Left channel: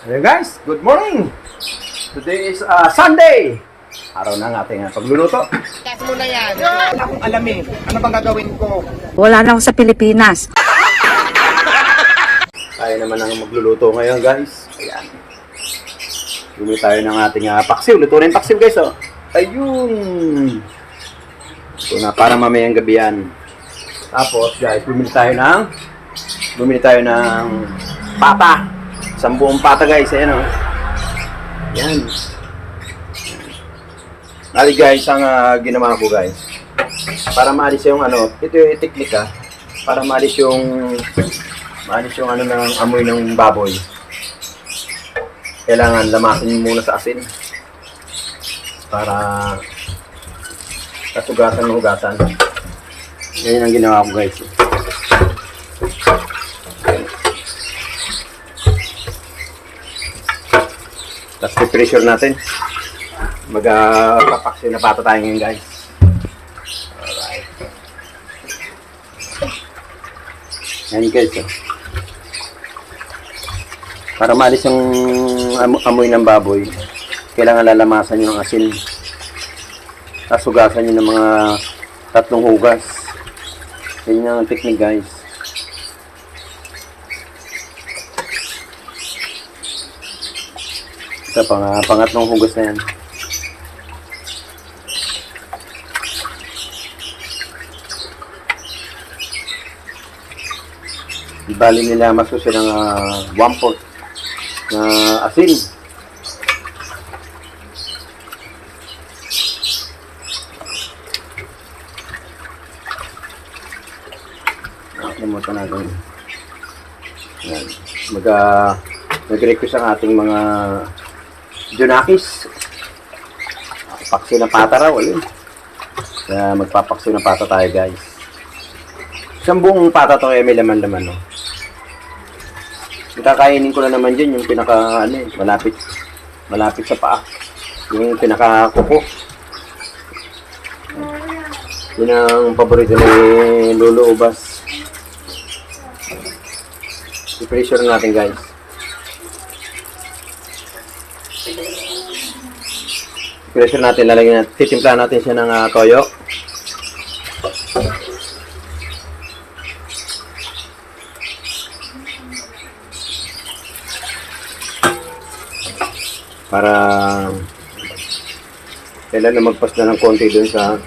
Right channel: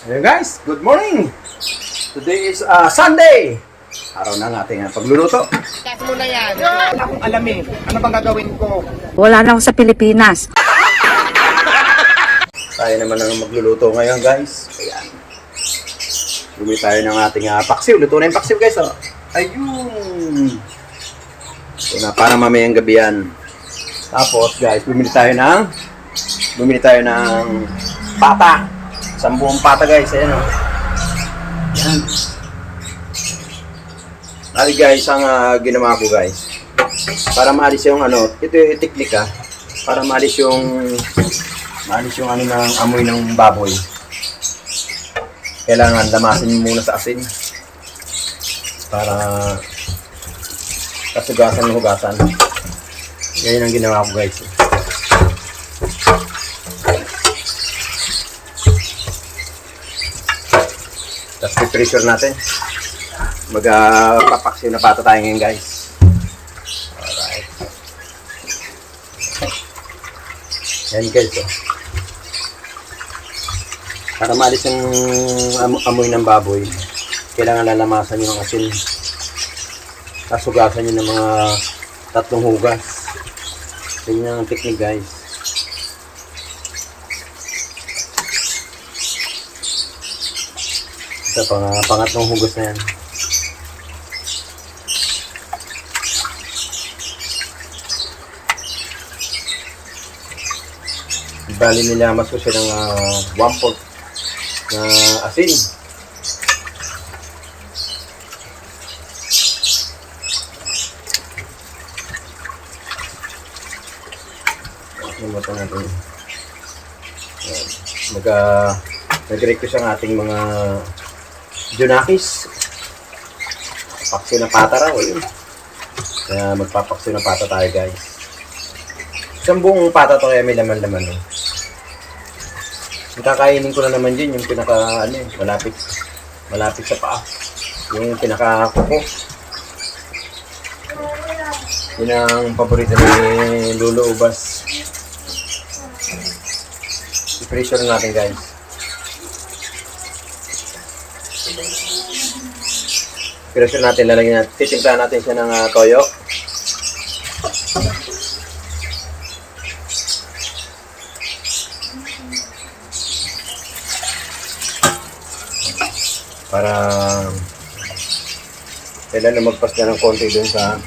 Hello guys, good morning! Today is Sunday! Araw ng ating pagluluto. Kasi mo na yan. Wala akong alam eh. Ano bang gagawin ko? Wala na ako sa Pilipinas. Tayo naman ang magluluto ngayon guys. Ayan. Bumili tayo ng ating paksiw. Luto na yung paksiw guys. Oh. Ayun! Ito na para mamayang gabi yan. Tapos guys, bumili tayo ng pata. Isang buong pata guys. Ayan o. Ayan. Mali guys, ang ginawa ko guys. Para maalis yung ito yung teknik para maalis yung ng amoy ng baboy. Kailangan lamasin muna sa asin. Para kasugasan ng hugasan. Ganyan ang ginawa ko guys. Tapos i-pressure natin. Magpapaksiw na pata tayo ngayon guys. Alright. Yan guys. Para maalis yung amoy ng baboy, kailangan lalamasan yung asin. Tapos hugasan nyo ng mga 3 hugas. Yan yung technique guys. Ito pangatlong hugas na yan. Ibali nila masusi ng 1/4 na asin. Nakalimutan natin. Nag-request ang ating mga Junakis. Paksiw ng pata raw, ayun. Kaya magpapaksiw ng pata tayo guys. Isang buong pata to kaya may laman-laman. No? Yung kakainin ko na naman dyan, yung pinaka, malapit sa paa. Yung pinaka kuko. Yun ang paborito ni Lolo Ubas. I-pressure natin guys. Pressure natin, lalagyan natin, titimpla natin siya ng toyo. Para kailan na magpasta ng konti dun sa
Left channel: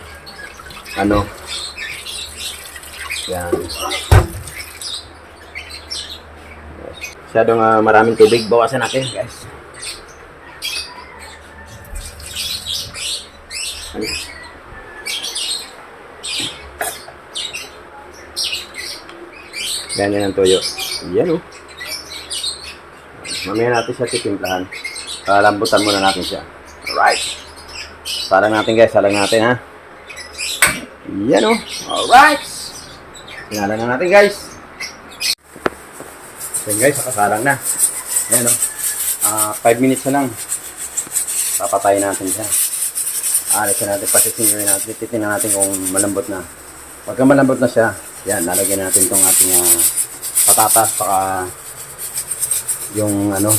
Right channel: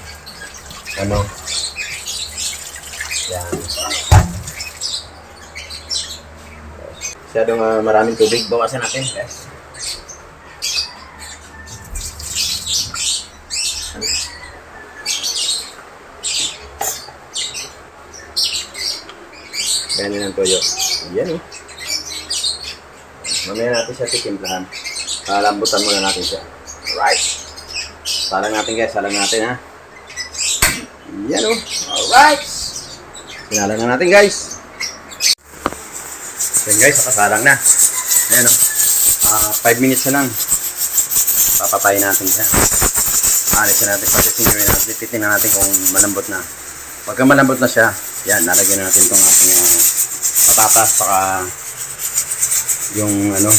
yan. Masyadong maraming tubig, bawasan natin guys. Ganyan ang toyo. Yan o. Mamaya natin siya titimplahan. Lambutan muna natin siya. Alright. Sarang natin guys. Sarang natin ha. Yan o. Alright. Sinalang na natin guys. Yan guys. Sarang na. Ayan o. 5 minutes na lang. Papatayin natin siya. Alisin natin. Pasisinguin natin. Titingnan natin kung malambot na. Pagka malambot na siya, yan, nalagyan natin itong ating patatas, saka yung bunga ng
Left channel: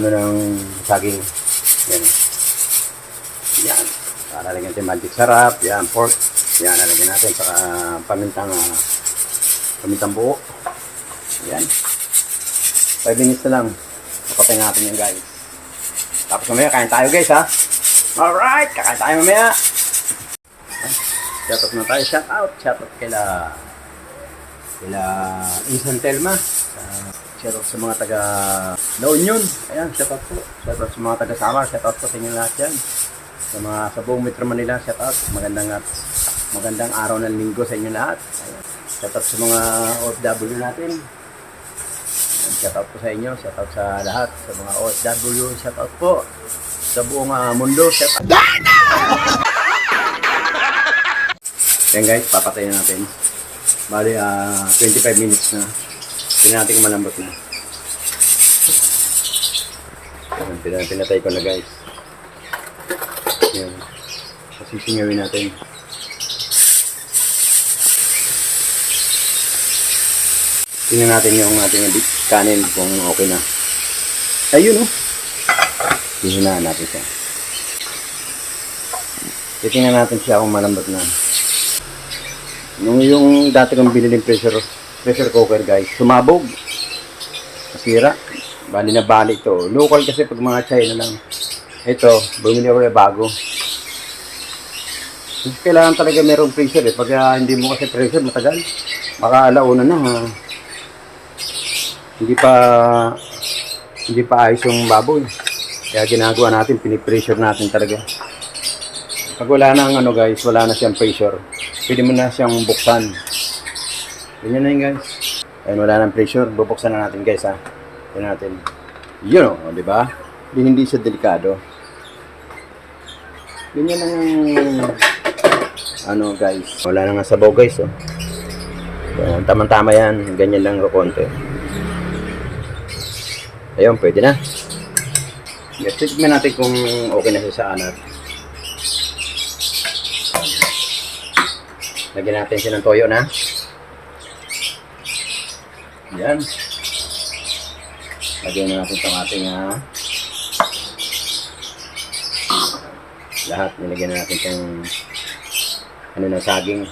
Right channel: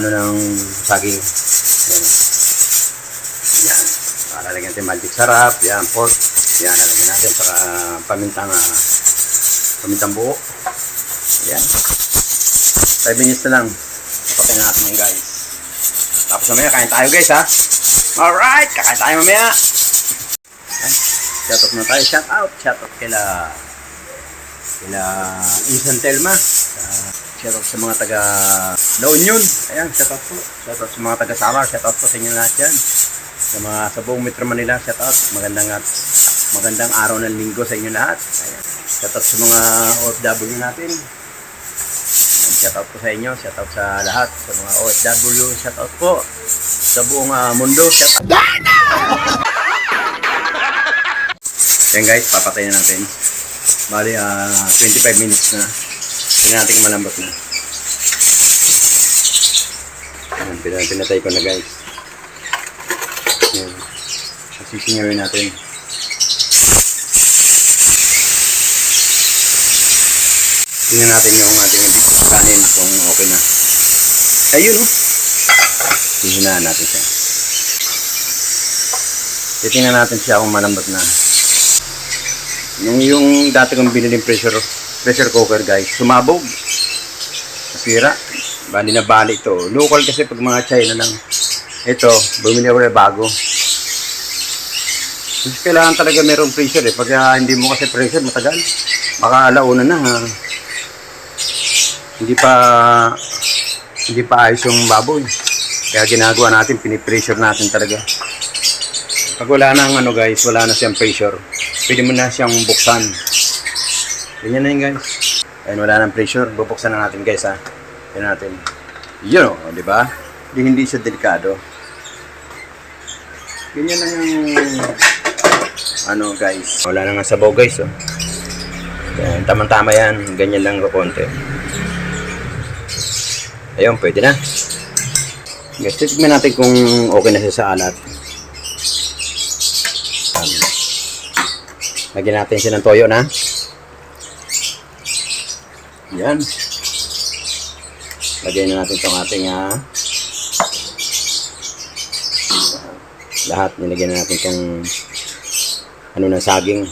ng saging. Yan. Yan. Lalagyan natin magic sarap, yan, pork. Yan, lalagyan natin, saka pamintang buo. Yan. 5 minutes na lang. Papatay natin yung guys. Tapos mamaya, kain tayo guys ha. Alright, kakain tayo mamaya. Shout out na tayo. Shout out kila Insan Telma. Shout out sa mga taga La Union. Ayan, shout out po. Shout out sa mga taga Samar. Shout out po sa inyo lahat yan. Sa buong Metro Manila, shout out. Magandang araw ng linggo sa inyo lahat. Ayan. Shout out sa mga OFW natin. Shout out po sa inyo, shout out sa lahat, sa mga OFW, shout out po sa buong mundo, shout out. Yan guys, papatayin na natin. Bali 25 minutes na. Tingnan natin kung malambot na. Yan, pinatay ko na guys. Yan. Sisingawin natin. Tingnan natin yung ating kanin kung okay na. Ayun oh. Hihinaan natin siya. Titingnan natin siya kung malambot na. Yung dati kong biniling pressure cooker guys, sumabog. Nasira. Bali na bali ito. Local kasi pag mga China lang. Ito, bumili ako na bago. Kasi kailangan talaga merong pressure eh. Pag hindi mo kasi pressure, matagal. Baka alauna na ha. Hindi pa ayos yung baboy. Kaya ginagawa natin, pinipressure natin talaga. Pag wala na ano guys, wala na siyang pressure. Pwede mo na siyang buksan. Ganyan na yun guys. Ayun, wala nang pressure. Bubuksan na natin guys ha. Yan natin. Yun o, di ba? Hindi siya delikado. Ganyan lang yung ano guys. Wala na nga sabaw guys oh. Yan, tama-tama yan. Ganyan lang o konti. Ayun, pwede na. Guys, tignan natin kung okay na siya sa alat. Lagyan natin siya ng toyo na. Yan. Lagyan na natin itong ating lahat. Nilagyan na natin itong ano na saging.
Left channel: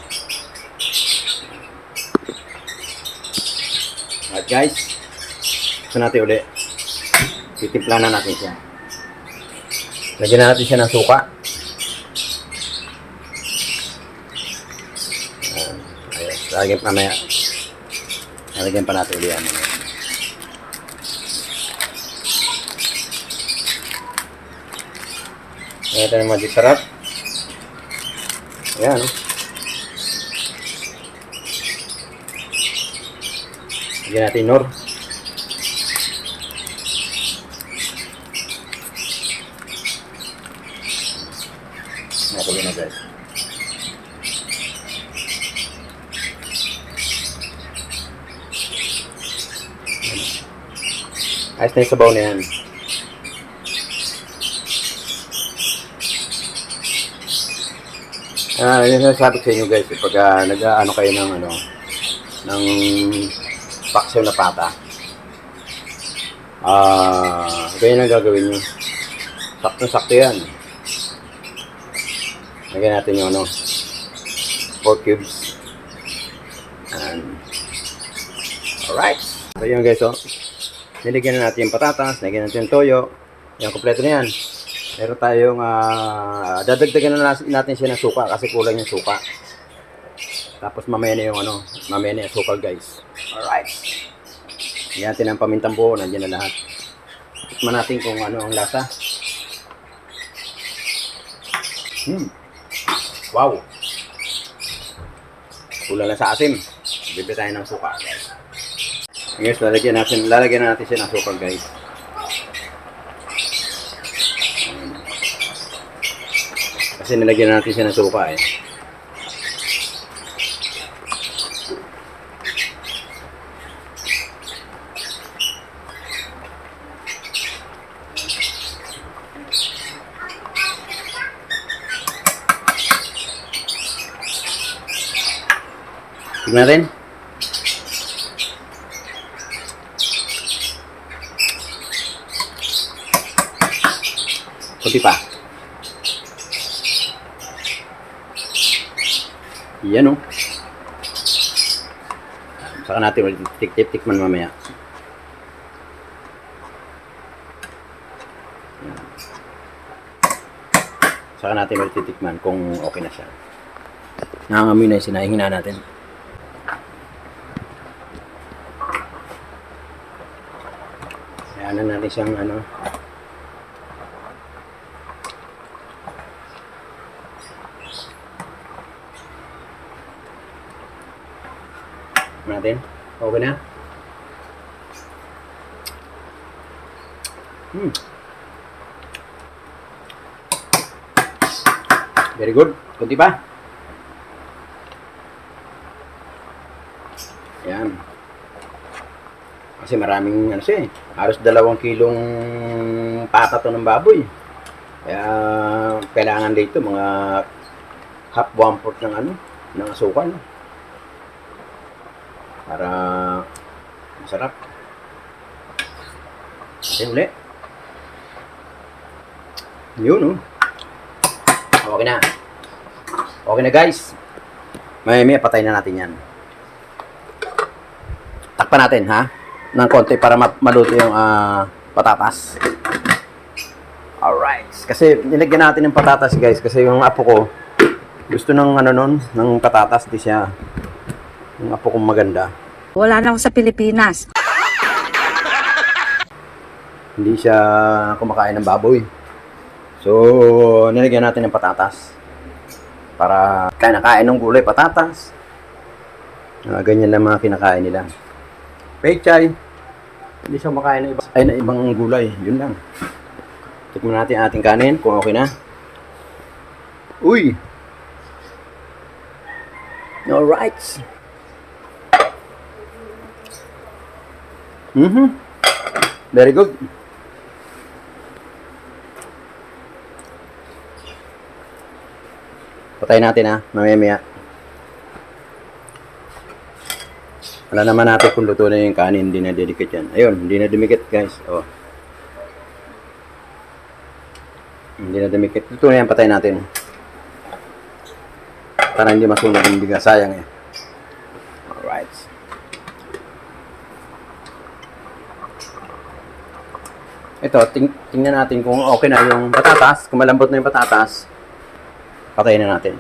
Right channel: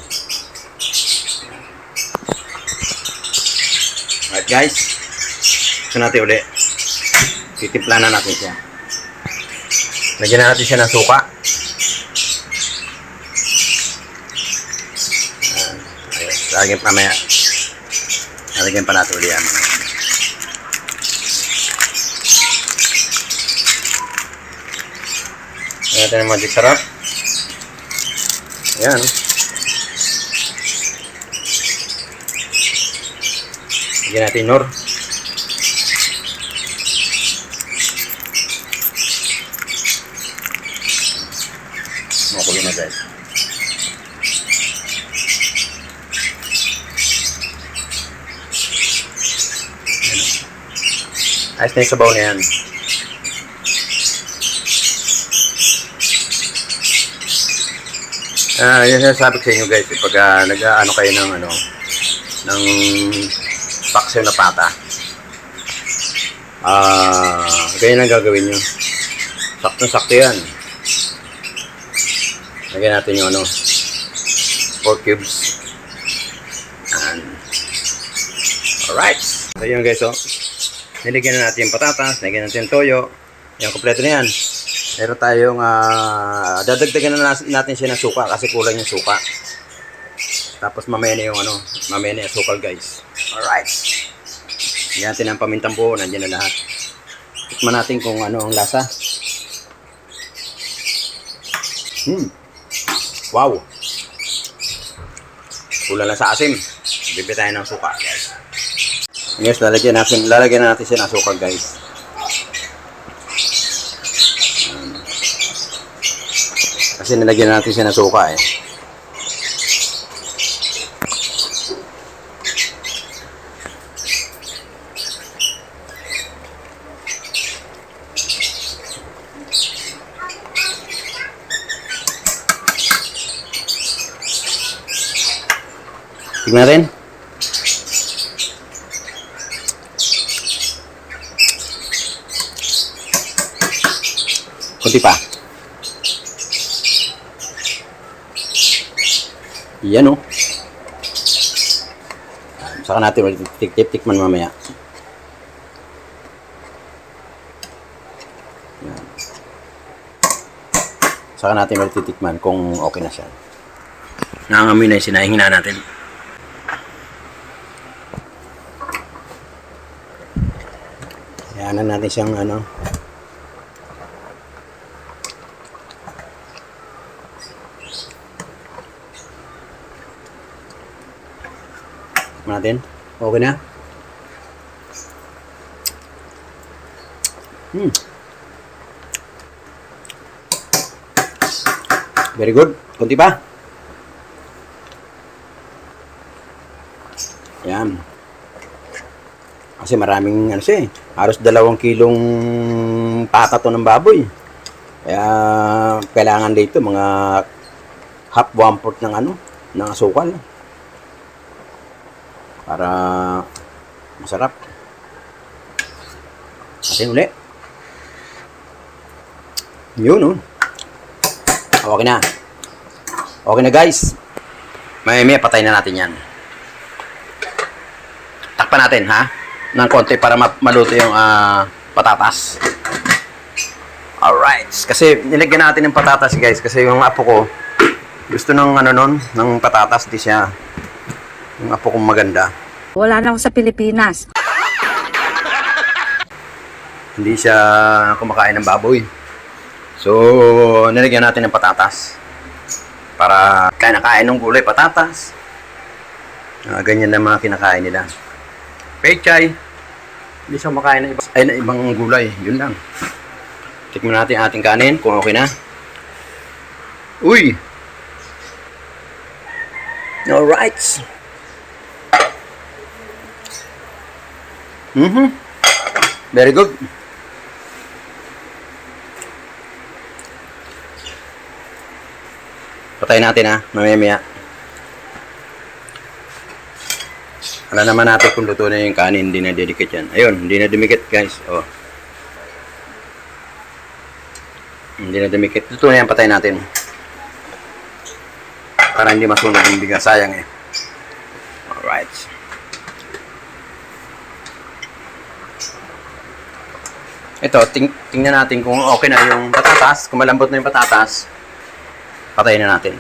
Alright guys. Ito natin ulit. Titimpla na natin siya. Lagyan na natin siya ng suka. Ayun. Lagyan pa mamaya. Lagyan pa natin ulit yan. Lagyan natin ng magic sarap. Ayan. Lagyan natin nor. Makulo na guys. Ayos na yung sabaw na yan. Yan sinasabi ko sa inyo guys, pag nag-ano kayo ng ng paksiw na pata, ganyan ang gagawin nyo. Sakto-sakto yan. Lagyan natin yung 4 cubes. And alright. So yun guys oh. Nilagyan na natin yung patatas, nilagyan natin yung toyo. Yan, kompleto na yan. Meron tayong dadagdagan na natin siya ng suka kasi kulang yung suka. Tapos mamaya na yung mamaya na yung sukal guys. Alright. Lagyan natin ang pamintang buo, nandiyan na lahat. Tikman natin kung ano ang lasa. Wow. Kulang lang sa asim. Bibili tayo ng suka guys. Yes, lalagyan natin siya ng suka guys. Kasi nilagyan natin siya ng suka eh. Tignan rin. Kunti pa. Yan oh. Saka natin ulit tikman mamaya. Yan. Saka natin ulit titikman kung okay na siya. Nangangamoy na yung sinahing na natin. Ayan na natin siyang natin. Okay na. Very good. Kunti pa. Yan. Kasi maraming siya eh. Halos 2 kilong pata to ng baboy. Kaya kailangan dito mga half 1/4 ng ng asukal. Para Masarap. Atin uli. Yun, oh. Okay na. Okay na, guys. May patay na natin yan. Takpan natin, ha? Ng konti para maluto yung patatas. Alright. Kasi nilagyan natin ng patatas, guys. Kasi yung apo ko, gusto ng ng patatas. Di siya. Yung apo kong maganda. Wala na ako sa Pilipinas. Hindi siya kumakain ng baboy. So, nilagyan natin ng patatas. Para kinakain ng gulay, patatas. Ganyan na mga kinakain nila. Pechay. Hindi siya kumakain ng ibang gulay. Yun lang. Tikman natin ang ating kanin kung okay na. Uy! Alright. Very good. Patayin natin, ha, mamaya. Alam naman natin kung luto na yung kanin, hindi na dedikit yan. Ayun, hindi na dumikit, guys. Oh. Hindi na dumikit. Luto na yan, patayin natin. Para hindi masunog yung bigas. Sayang eh. Alright. Ito, tingnan natin kung okay na yung patatas. Kung malambot na yung patatas, patayin na natin.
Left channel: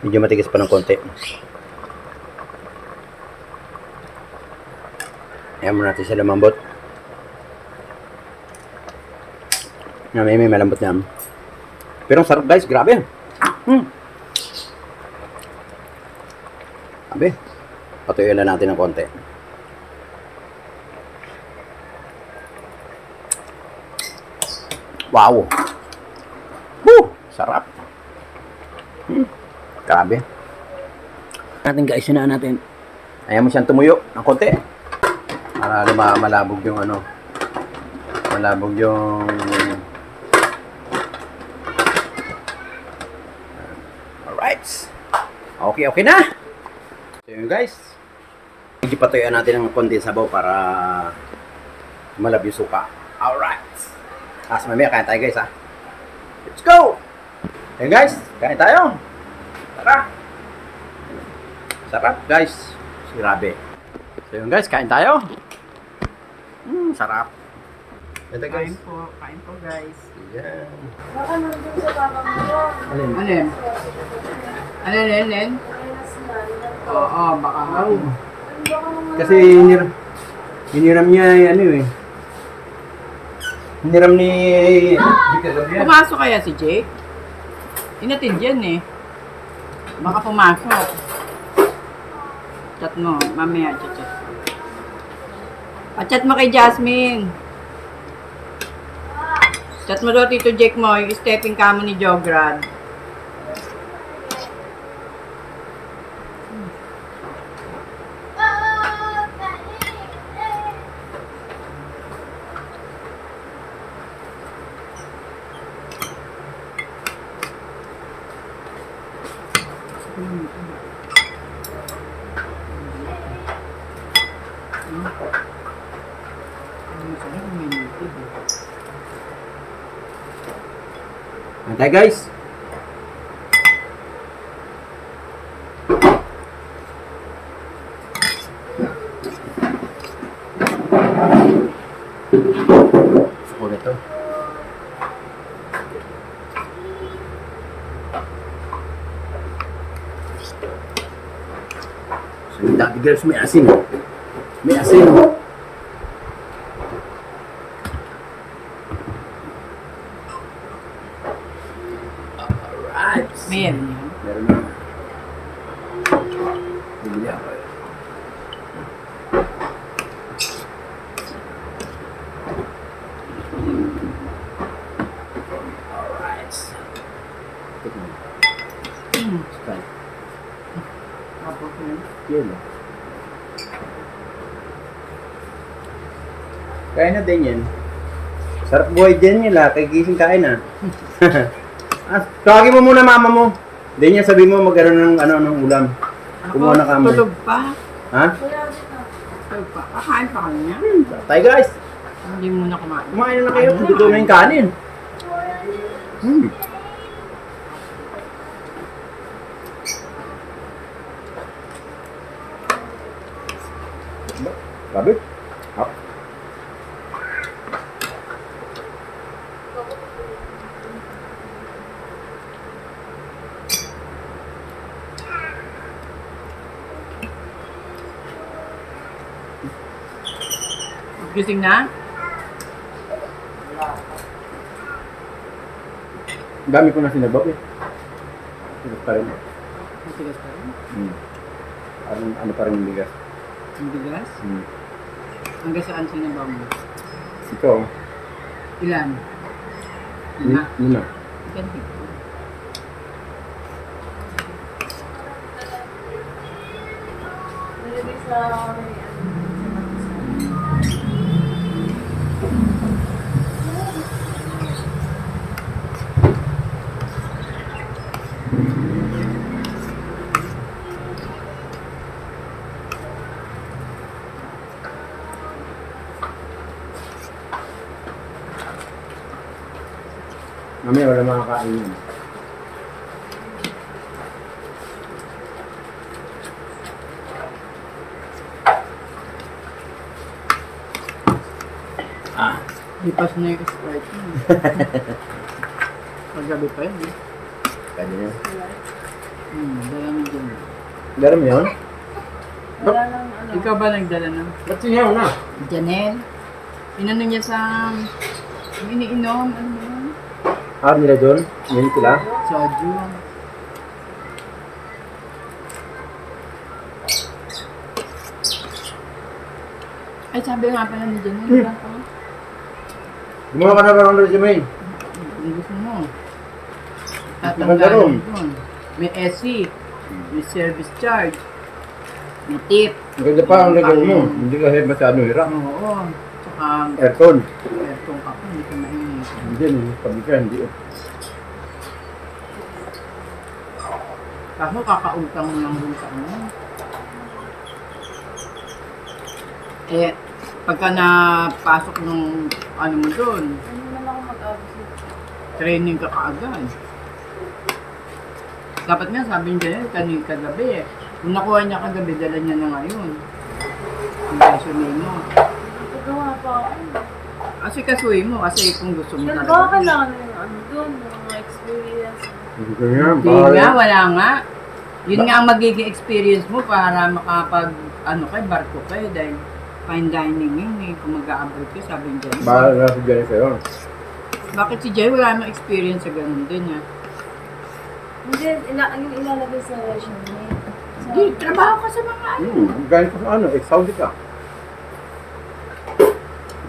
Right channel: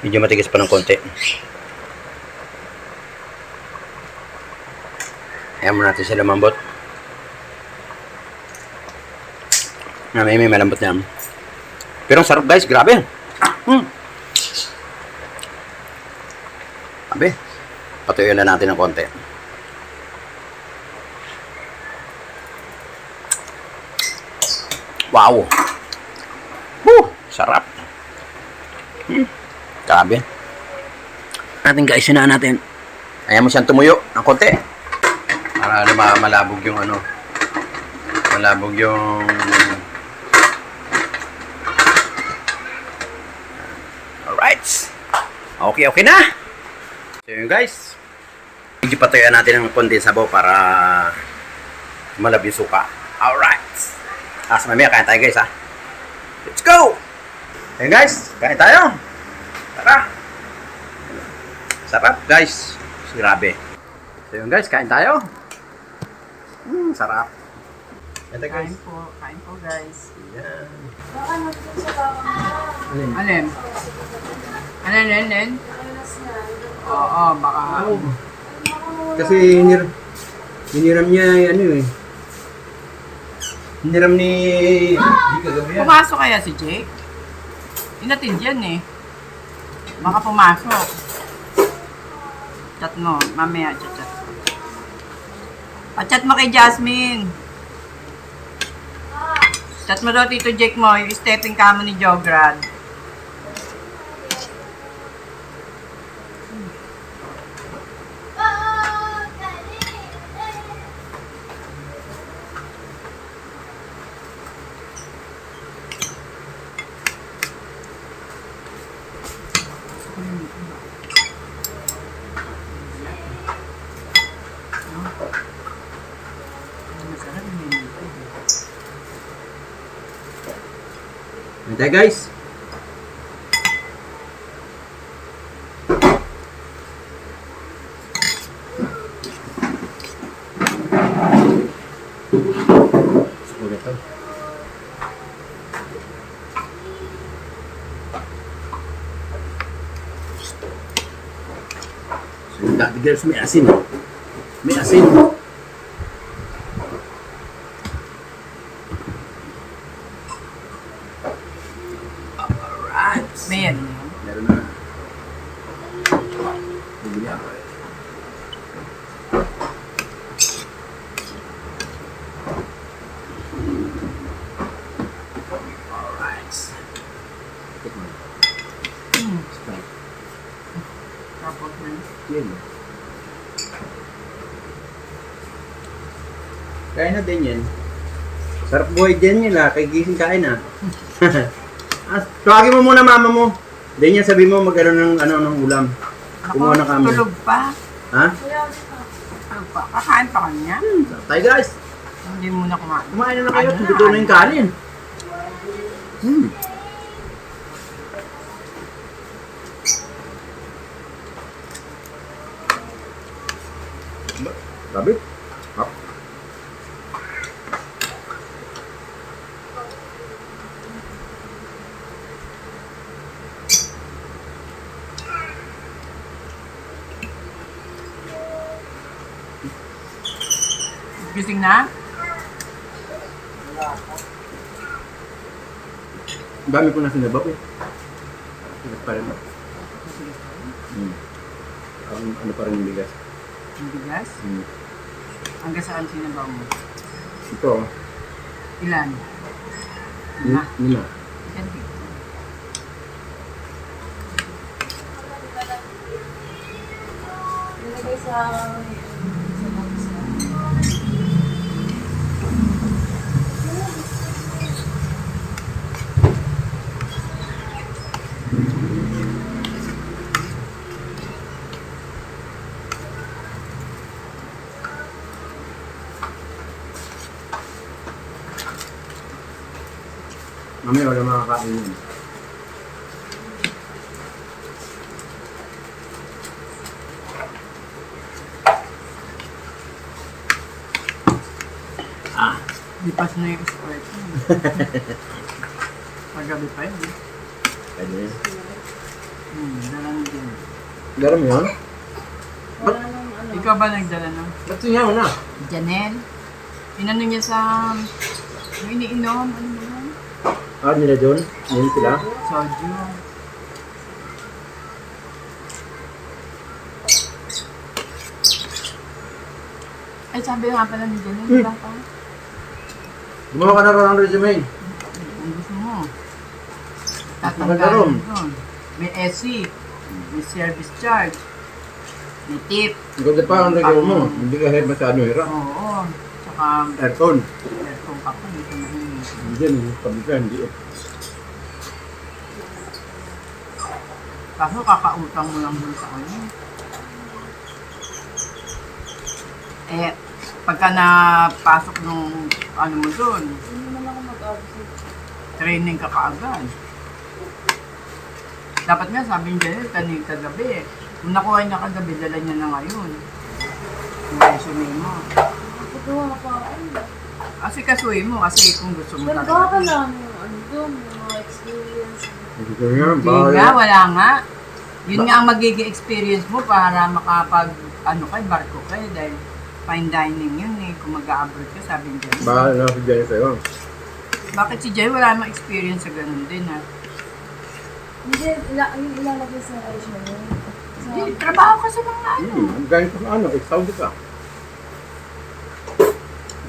Medyo matigas pa ng konti. Ayan mo natin sila lumambot. May malambot na yan. Pero ang sarap, guys. Grabe. Sabi, patuloy na natin ng konti. Wow! Woo! Sarap! Grabe. Natin guys, sinaan natin. Ayan mo siyang tumuyo ng konti. Para malabog yung malabog yung alright. Okay na. So yun guys. Medyo patuyuan natin ng konti sabaw para malab yung suka. Alright. As mamaya kain tayo guys ha. Let's go! Ayun guys, kain tayo. Tara. Sarap guys. Grabe. So yun guys, kain tayo. Sarap. Kain po guys. Yeah. Alin? Alin? Oo, baka Kasi hiniram niya hiniram ni kagabi yan. pumasok kaya si Jake? Inatid yan eh. Baka pumasok. Chat mo, mamaya chat. Chat mo kay Jasmine. Chat mo daw Tito Jake mo, yung stepping camo ni Jograd. Antay guys. Suko nito. So yung dati girls may asin. May asin. May yan. Meron na. Bumili ako eh. Alright. Tikman. Start. Yan. Kain na din yan. Sarap buhay din nila. Kay gising kain ah. Tawagin mo muna mama mo. Hindi niya sabi mo mag ng ng ulam. Kumuha na kamo. Tulog pa. Ha? Tulog pa. Kakain pa kanya. Tayo guys. Hindi muna kumain. Kumain na kayo. Tututo na yung kanin. Grabe. Ah. Gising na? Ang dami ko na sinabab eh. Bigas pa rin. Ano pa rin yung bigas? Ang bigas? Hmm. Hanggang saan sinabaw mo? Ito. Ilan? Na? Yun na. Ganti. Nilagay sa Mamaya wala makakain yun. Ah. Lipas na yung Sprite. Magabi pa yun. Eh. Pwede na. Dala na dyan. Dala mo yun? wala nang ano. Ikaw ba nagdala na? Ba't sinyaw na? Janelle? Inano niya sa... yung iniinom? Ano ba yun? Ah, nila doon? Yan sila? Soju. Ay, sabi nga pala ni Janelle, diba ka? Gumawa ka na ba ng resume? Kung gusto mo. Maganda ron. doon. May SC. May service charge. May tip. Maganda pa ang lagay mo. Hindi ka masyado hirap. Oo. Tsaka, Aircon. kung kape, hindi ko mainit. Hindi, sabi ka, hindi. Kaso kakautang mo lang dun sa ano. Eh, pagka napasok ng ano mo dun, Hindi naman ako mag-absent. training ka kaagad. Dapat nga sabi niya, kanina kagabi eh. Nung nakuha niya kagabi, dala niya na ngayon. Ang resume mo. Nagagawa pa ako. Kasi kasuhin mo, kasi kung gusto mo Baka talaga. kailangan yung ano doon, yung mga experience. Hindi ka nga, Hindi nga, wala nga. Yun nga ang magiging experience mo para makapag, ano kay barko kayo dahil fine dining yun eh. Kung mag-a-abroad ka, sabi niya. Bahala si Jennifer yun. Bakit si Jay wala namang experience sa ganun din ha? Hindi, yung ilalagay sa resume. Hindi, trabaho ka sa mga ano. Galing ka sa ano, Saudi ka.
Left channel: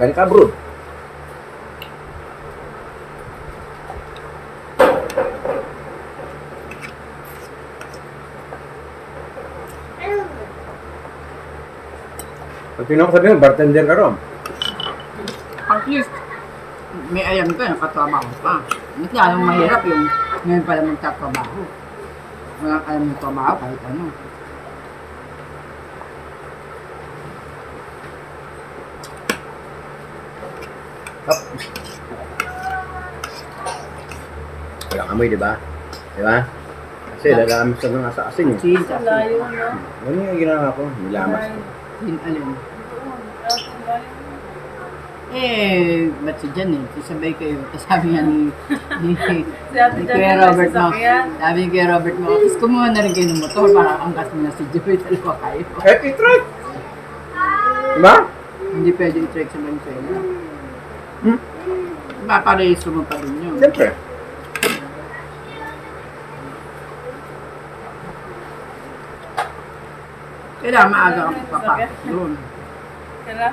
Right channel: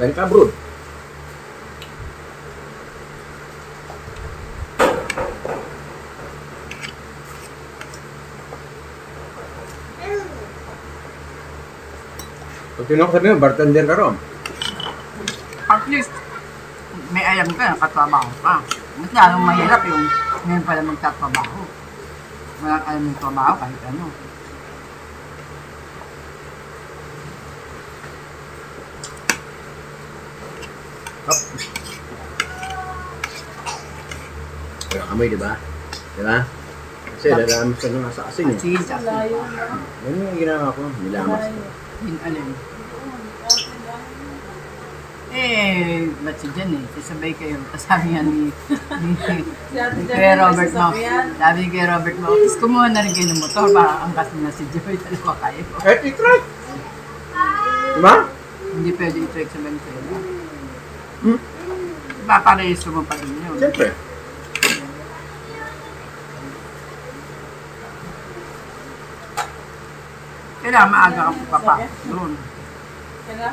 Galing ka abroad. Pag tinawag ko sabi mo, bartender ka ron. At least, may alam ka, katrabaho ka. Mas lalong mahirap yung ngayon pala magtatrabaho. Wala ka alam yung trabaho kahit ano. Hop. Walang amoy, di ba? Di ba? Kasi lalamas ka na nga sa asin eh. Kasi, Sa layo, no? Ano yung ginawa ko? Nilamas ko. yun alin. Doon, tapos ang layo. Eh, ba't si Jan eh? Isabay kayo. Tapos sabi nga ni Si Ate ni Jan Kuya yung Robert mo. sasakyan. Sabi ni Kuya Robert mo, tapos kumuha na rin kayo ng motor para angkas mo na si Joy. Dalawa kayo. Eh, i-try! Diba? Hindi pwede i-check sa Venezuela. Hmm? Paparehistro mo pa rin yun. Siyempre. Kailangan maaga ka papapasok doon. Tara,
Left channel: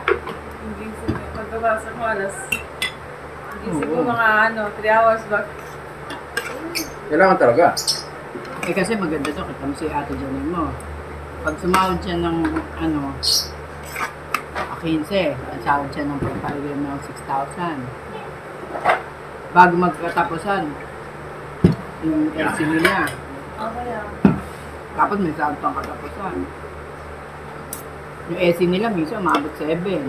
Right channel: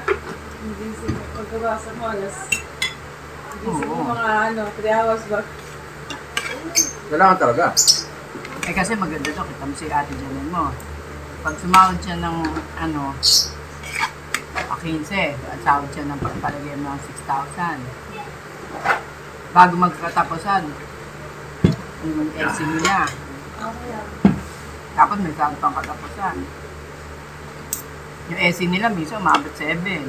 gising ko. Pagkabasa ko alas. Gising ko Oo. mga 3 hours back. Kailangan talaga. Eh kasi maganda to, kita mo si Ate Janine mo. Pag sumahod siya ng 15, ang sahod siya ng pagpalagay ng 6,000. Bago magkatapusan, yung LC nila, Tapos may saan pang katapusan. Yung SC nila, miso, umabot 7. 3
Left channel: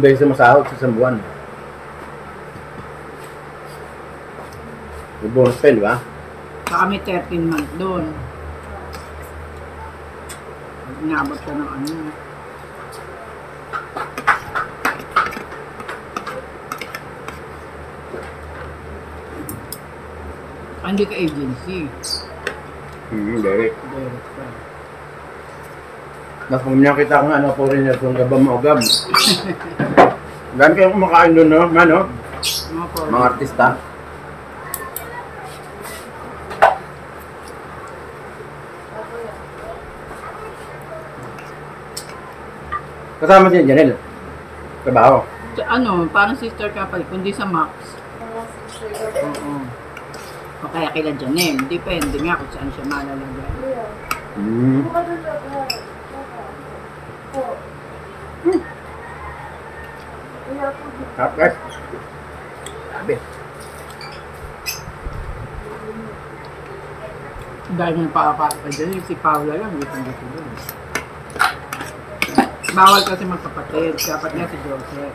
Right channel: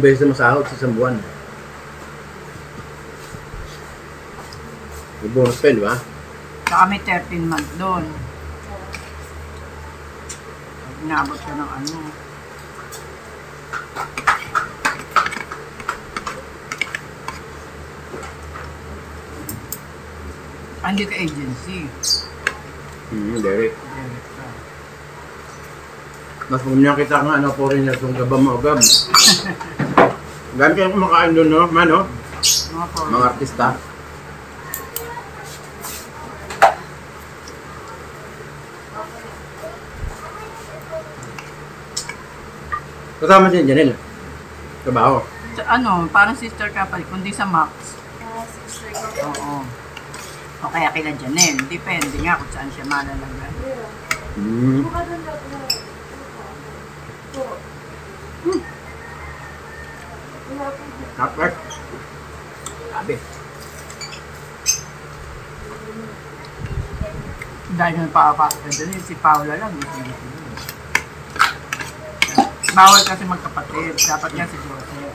beses masahod sa isang buwan. May bonus pa yun, di ba? Saka may 13 month doon. Inabot ko ng ano. Andito agency. Derek. Director. Mas pag niya kita nga, foreigner kung gabang maugab. Gano'n kayong kumakain doon, no? Mano? Mga po. Mga artista. Kasama siya, Janelle. Trabaho. Sa ano, parang sister couple, kundi sa Max. Oo. O kaya kila Janelle. Depende nga kung saan siya malalagay. Okay. Sabi. Dahil nga pakakata dyan, si Paula lang, hindi ko dito doon. Bawal kasi magkapatid. Dapat nga si Joseph.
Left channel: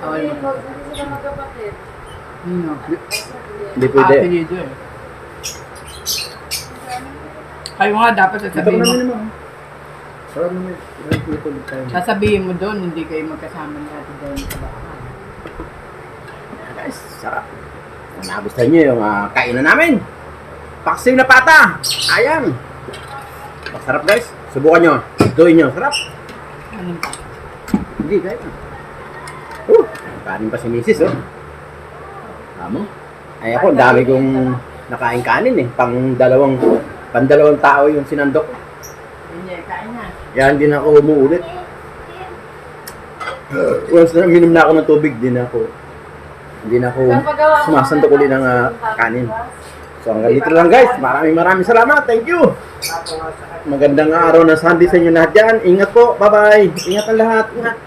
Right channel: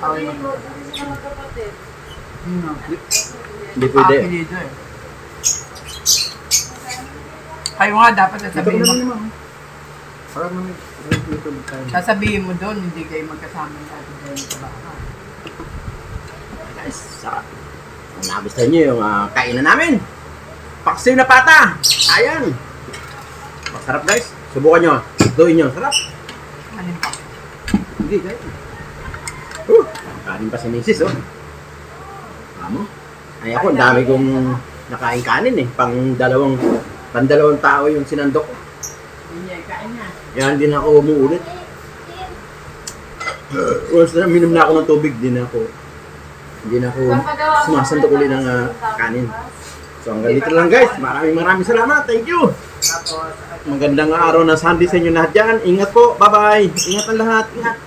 Bawal magkapatid. No. Hindi pwede. Apelido eh. Kayo nga dapat Ito sasabihin namin mo. naman. Parang namin. Sasabihin mo doon, hindi kayo magkasama ni Ate Jenny sa bahay. Guys, sarap. Kung nagustuhan nyo yung kainan namin. Paksiw na pata. Ayang. Masarap guys. Subukan nyo. Tuloy nyo. Sarap. Ano pa? Hindi guys. Kanin pa si Mrs. Oh. Amo. Ay ako, ang dami kong nakain kanin eh. Pang dalawang tao yung sinandok. Hindi, kain na. Kaya hindi na ako umuulit. Once na minom na ako ng tubig, hindi na ako sumasandok ulit ng kanin. So hanggang dito lang guys. Maraming salamat. Thank you. Magandang araw na Sunday sa inyo lahat dyan. Ingat po. Bye-bye. Ingat ang lahat. Ingat.